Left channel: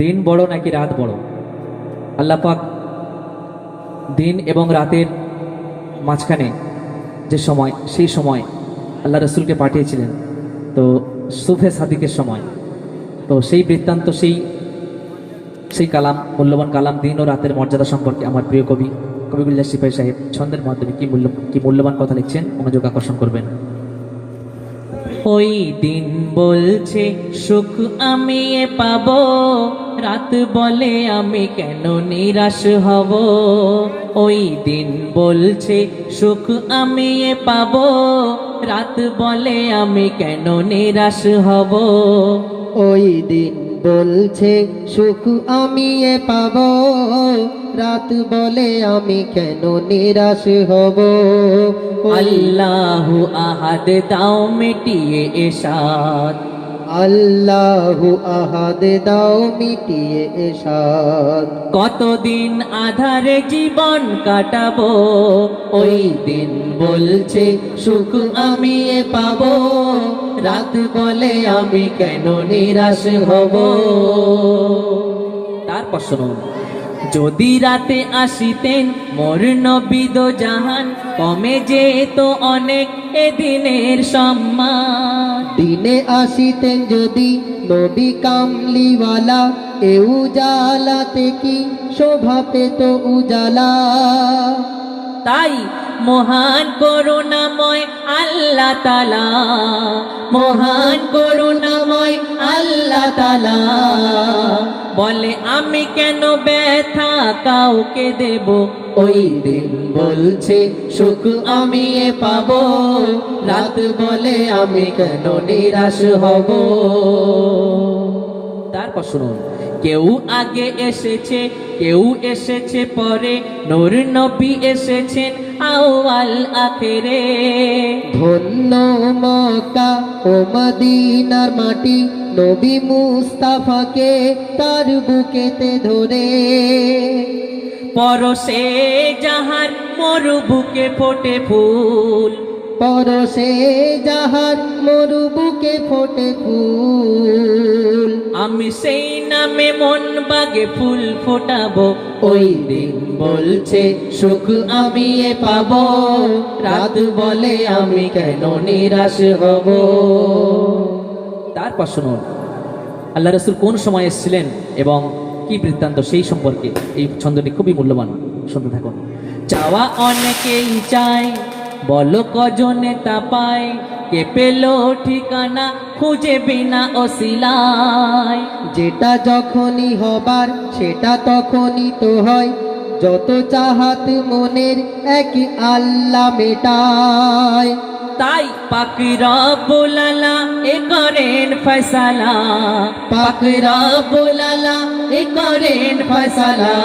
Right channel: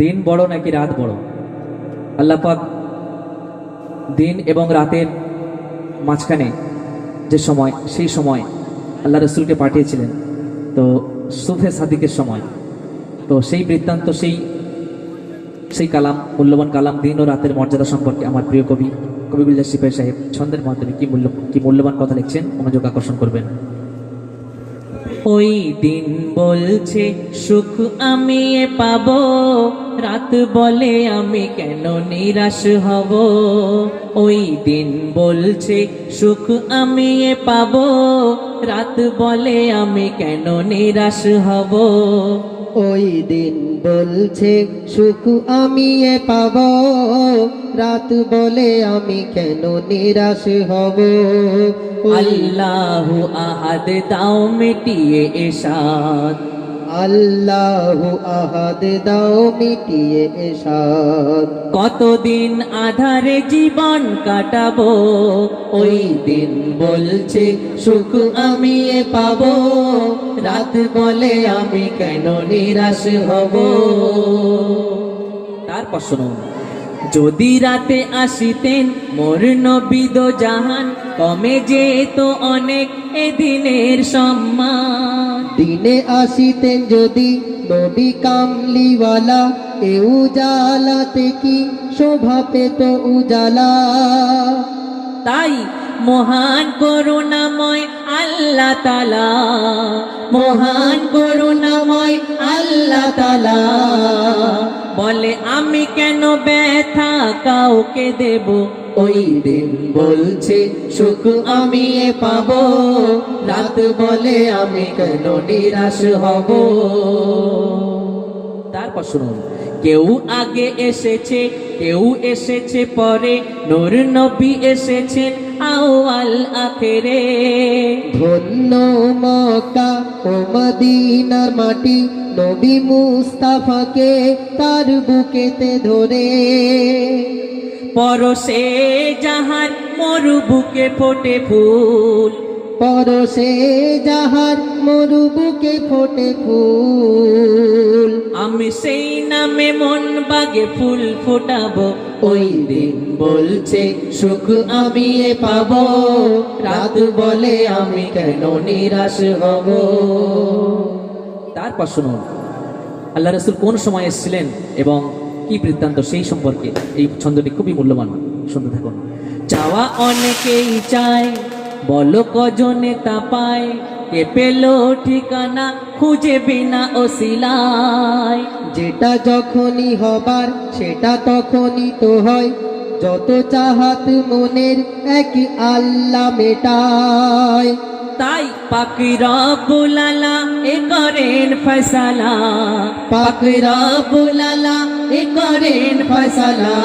দিন বড় নাকি রাত বড়? আল্লাহ পাক দিন এবং রাতের মাঝখানে যে সময়, সেই সময় আল্লাহ রসুলকে পাঠিয়েছিলেন, তো সুফে সাদিকের সময়। তো সেই বৃত্তান্ত, সেই সেই কালাম, মূল্যবান কালাম, দিন ও রাতের মর্যাদা সম্পর্কে আমার প্রিয় কবি কবিগুল্লাহ সিপাহী সাহেব ছন্দের মাধ্যমে কি মূল্যবান কথা লিখছেন, মনোযোগ আকর্ষণ করবেন। ওই দিন বলছে সুখ আমি পাবো, রাত বলে আমি কেন নিরাশ হব। ওই দিন বলছে সুখ আমি পাবো, রাত বলে আমি কেন নিরাশ হব। ওই দিন বলছে সুখ আমি পাবো, রাত বলে আমি কেন নিরাশ হব। আল্লাহু আহাদ দাও মিটিয়ে এসাদ, আল্লাহু আহাদ দাও মিটিয়ে এসাদ। কতদিন আধারে জীবন কাটাবো, ওই দিন বলছে সুখ আমি পাবো, রাত বলে আমি কেন নিরাশ হব। তারপর শুনুন, যদি রাতে আসিতেন মোর নবী দো জাহান, কমে যেত অনেক এদিনের সম্মান। দিনে আসিতেন যদি নবী কামলিওয়ালা, এ উজালাতে কি শোভা পেত উজালা। তাই মহান করুণাময় আল্লাহ তাআলা, মহান করুণাময় আল্লাহ তাআলা বলে আমি কেন ব্যথা কাউকে দেব। ওই দিন বলছে সুখ আমি পাবো, রাত বলে আমি কেন নিরাশ হব। তারপর শুনুন, কেউ আগে এসেছে, কেউ এসেছে পরে, নূর নবী এসেছেন আউয়াল আখেরে। ধন্য মক্কা ও মদিনার মাটি, নবী মুস্তাফাকে তার বুকেতে ধরে। পরশে জাহান মোর বুকে ফোটে ফুল, পরশে জাহান মোর বুকে ফোটে ফুল। আমি সেই নামে মন বাগে ফুল ফোটাবো। ওই দিন বলছে সুখ আমি পাবো, রাত বলে আমি কেন নিরাশ হব। তারপর শুনুন, আল্লাহ রাসূল কোন সময় এসেছিলেন এবং কি বৃত্তান্ত, সেই সম্পর্কে এই ছন্দটি খুবই মূল্যবান, শুনতে থাকুন। চাওয়া অনেকেই চায়, বলো কজনে তা পায়, কে পেল ঠিকানা খুঁজে বিনা ওসিলায়। যেটা যখনই হবার সেটা তখনই তো হয়, যত চাহাত মনের এক আল্লাহ মেটায়। তাই পাক রব্বুল আলা এ করেন ফয়সালা, পাক রব্বুল আলা এ করেন ফয়সালা।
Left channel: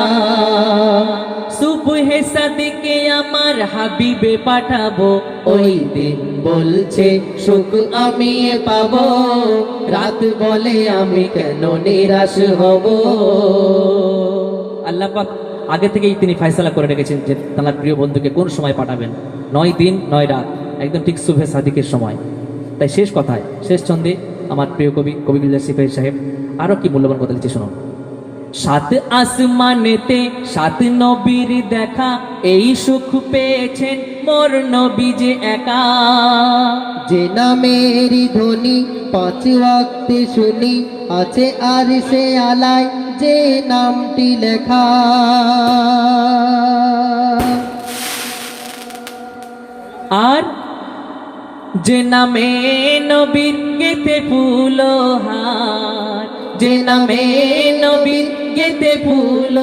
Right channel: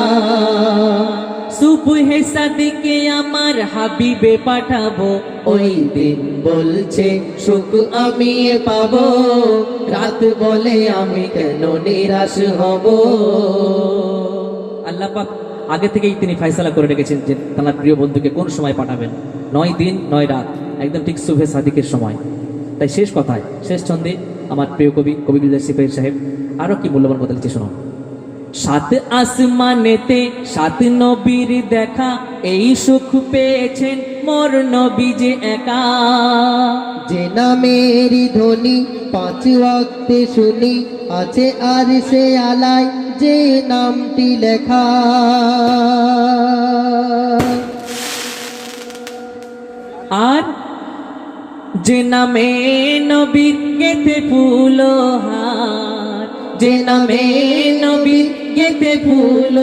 সুবহে সাদিকে আমার হাবিবে পাঠাবো, ওই দিন বলছে সুখ আমি পাবো, রাত বলে আমি কেন নিরাশ হব। আল্লাহ পাক আগে থেকেই তিনি ফয়সালা করে রেখেছেন যে তার প্রিয় বন্ধুকে কোন সময় পাঠাবেন, 9 দিন 9 রাত, একদম ঠিক সুবহে সাদিকের সময়। তাই শেষ কথায়, শেষ ছন্দে আমার প্রিয় কবি কবিগুল্লাহ সিপাহী সাহেব আরো কি মূল্যবান কথা লিখছে শুনুন। সাত আসমানেতে সাত নবীর দেখা, এই সুখ পেয়েছেন মোর নবী যে একা। যে নামেরই ধ্বনি পাঁচ ওয়াক্তে শুনি, আছে আর সে আলায় যে নামটি লেখা। আর যে নামে নবীর গেতে ফুল হার, যে নামে নবীর গেতে ফুল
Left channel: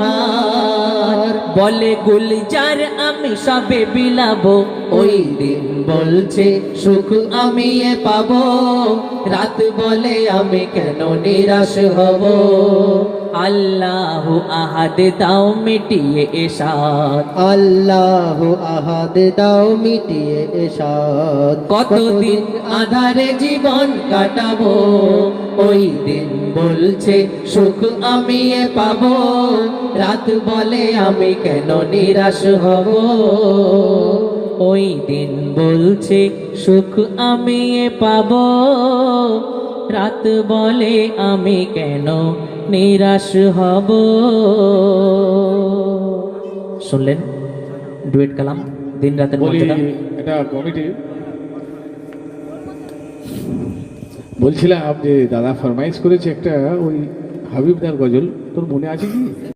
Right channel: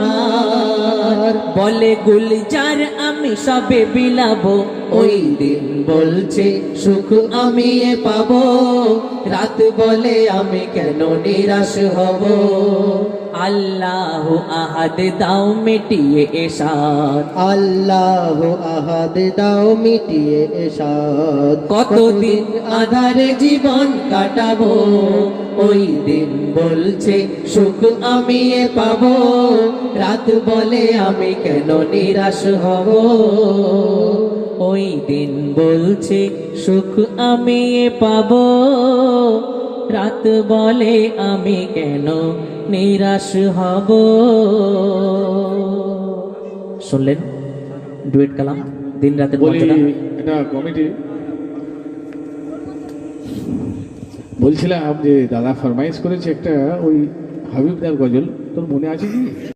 হার, বলে গুলজার আমি সবে বিলাবো। ওই দিন বলছে সুখ আমি পাবো, রাত বলে আমি কেন নিরাশ হব। আল্লাহু আহাদ দাও মিটিয়ে এসাদ, আল্লাহু আহাদ দাও মিটিয়ে এসাদ। কতদিন আধারে জীবন কাটাবো, ওই দিন বলছে সুখ আমি পাবো, রাত বলে আমি কেন নিরাশ হব। ওই দিন বলছে সুখ আমি পাবো, রাত বলে আমি কেন নিরাশ হব। শুনলেন ডুয়েট কালাম দিন রাতের বলি মর্যাদা। এটা কমিটি বলছিলাম যে দাদা ফরমাইশ করেছে একটা ওই হাবিবদার গজল, তোর মনে আছে কি?